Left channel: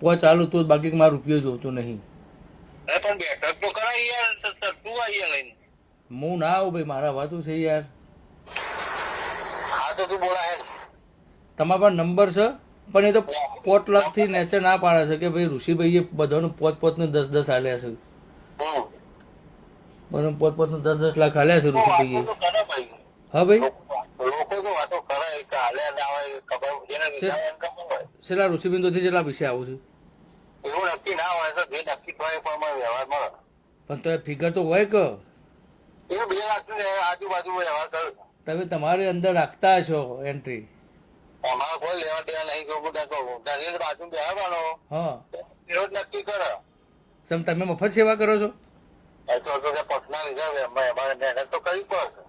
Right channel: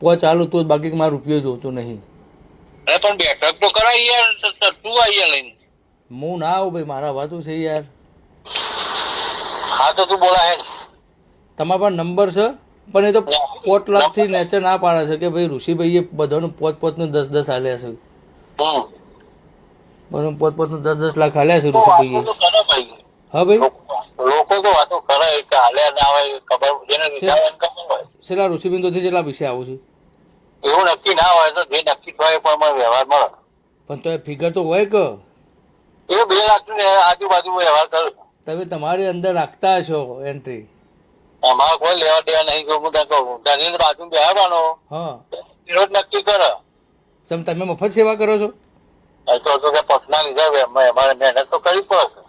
પોચ ચાલુ તો જ, બાકી મારો રૂપિયો જોતો નહીં. અરે પણ બેઠક તો કરાય યાર, તું અહીંયા લઈને. હું ના આવું ભાઈ, મારા વાતું છે યાર. હા તો તું બોલા હે. તમારા પાસે નંબર છે, પણ એ તો 5 લાખથી નેચર ના પાડે છે કે ભાઈ ઋષિભાઈએ બધાનું 5-5 નું 10-10 આલ્યા છે. બધાનું 5-5 નું 10-10 લાખ આલ્યા છે ઋષિભાઈએ. તો ખરા ભાઈ. હા ભાઈ, લોકો તો વાતો કરે કે હાલ્યા ના હોય, ખબર જેને લીધા હોય એને ખબર હોય. છેલ્લા ઋષિબિંદુથી જેટલા પૈસા આવું છે? એવું નક્કી ના હોય તો જે નક્કી થાય પણ મને વ્યવહાર મળે. પણ તો એ ફિગર તો હોય કે એ 2 લાખ ને આજુબાજુ વ્યવહાર કરું. તમે તમારી અંદર રાખતા છો એન્ટ્રી. અમારે કોઈ લેવા દેવા નહીં. જો હું ત્યાં કહું તેની બાજુ બેહવાનો હા, રોજ નક્કી કરે. સમ તમે મફત સેવા કરો છો? તો પક્ષના લીધા અમારે મહેનત તો કરવી પડે.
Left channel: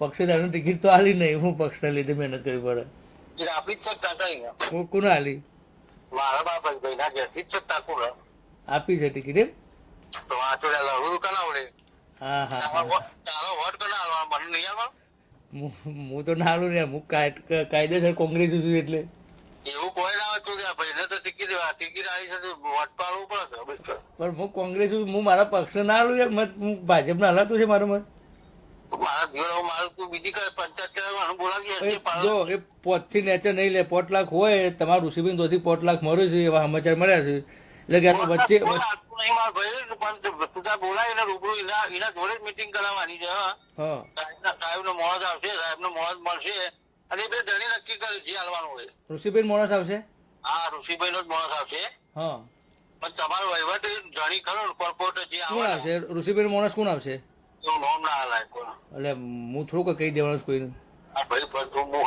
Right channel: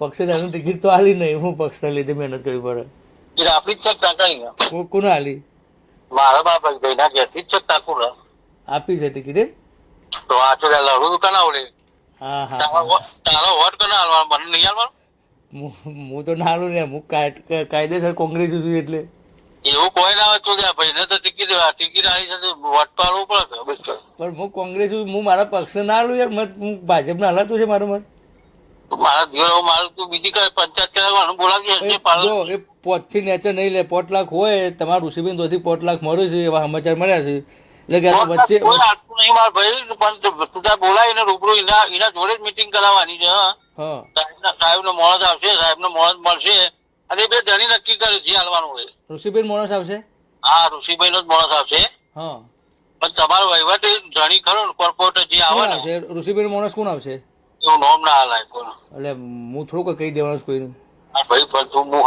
પક્ષે તેનું ટિકિટ તો આલી નહીં, હું પક્ષના લીધે મહેનત કરવી પડે. એ આપણી જ છે ટાંકાઈ. કોને આલી? મારા બાપ ભાઈના ઘેરથી જ છે ટાંકું ને. આપી છે ટિકિટ એમ? તો આ તો લડવું દુકાન આવડે. હા હા, તારો વોટ કોને હાલવાનો? મને નહીં હાલવાનો. હું તો ના લઉં યાર, હું કાયદેસર કોંગ્રેસ છું એટલે. એવું કોઈ ના હોય તો ભાઈને તો ટિકિટ આવી છે, વોટ તો હાલવું પડે. પણ હું કોંગ્રેસ છું, હું મારા પક્ષને ના લઉં યાર. મત હું ભાજપને હલાતું છે મારું મત. મારા જીવન મારું તું બીજી કઈ પંચાયત ચલાવવાનું બોલાવી. જો એ 5 થી નેચર નહીં લે, 5 લાખ હોય તમારું ઋષિબેન તોથી 5 લાખ મળે છે એવા સમાચાર મળ્યા છે. એટલે કે વચ્ચે નહીં મારા ભાઈ, પણ તું ત્યાં બોલાવીને રૂબરૂ એના જોડે જ મિટિંગ કરાવવાની છે. હા, સાહેબ નો મોણસ આવશે, સાહેબ નો મોણસ મળશે અને 2 ધણી નક્કી કરે જે હાલવાનું હોય. ઋષિબેન માણસ આવશે? હા, ઋષિભાઈ નો જ મોણસ આવશે. હા, પણ તમારો વહીવટ ધણી ખરો ને, કોર્પોરેટર જે આવે કોણ ને આવશે? ઋષિબેન માણસ કોણ આવશે? એવું નામ ના હાલાય કોઈ. એટલે હું થોડુંક કહી દેવાનું કોઈને. ભાઈ પણ તું હું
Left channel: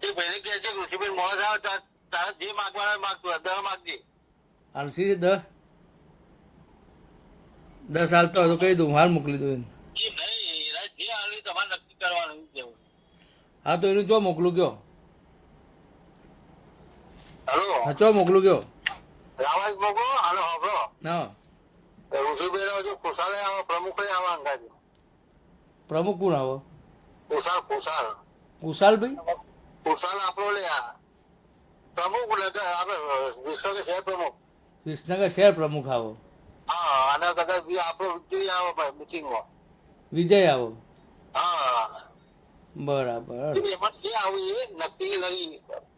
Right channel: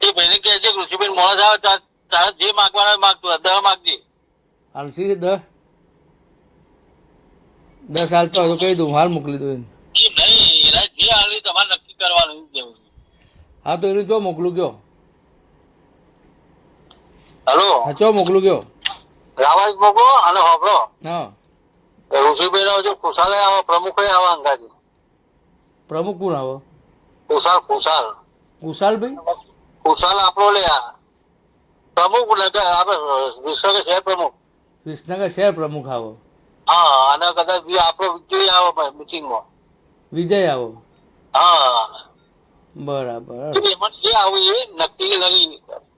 એ ભાઈને કહે છે ઋષિભાઈ મોણસ આવે તારે જે માગવાના માગતું 10 માગજે. હાલસી 10 હાલતો હોય તો કહી દઉં, હાલ મોકલી દઉં એને. એ નહીં, એના જે હાલી તમારે નક્કી કરવાનું એવું કેવું. હા તો એનું ચો મોકલું કયો? હલો, હા, ચો મોકલું કયો? રાવાજ મોકલો અને હોબળો. હા, ઋષિભાઈ નો જો ખુશાલે આવે, પ્રમુખ આવે અંગાજી. પ્રમુખ કોણ આવો? ખુશાલ કુશાલભાઈ? ખુશાલ આપણો લે આ પ્રમુખ આપડે વિશ્વ શહેર પ્રમુખ. વિસનગર શહેર પ્રમુખ આવો? હા, અને કદાચ આપણો વિજય આવે મિટિંગમાં. વિજય આવો? હા, બરાબર એમાં જે આવે એ નક્કી લઈ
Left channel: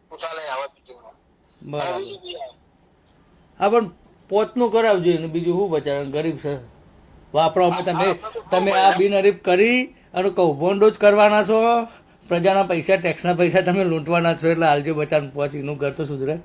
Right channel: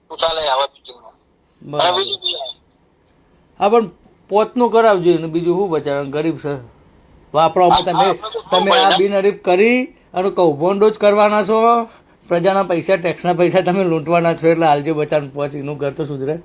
ખુશાલે આવે મિટિંગમાં. બરાબર. હા, પણ પોતનું કરાવજો એનું, બીજું શું બચારા ગરીબ છે વાપરો. તમે આ બિનહરીફ કરી અને કૌભાંડો જ કરવાના છો. પ્રજાના પૈસા, ટેક્સના પૈસા તમે લૂંટવાના છો, એટલે હાલજો બચારાને પહોંચી, એનું ઘર તો સુધરે.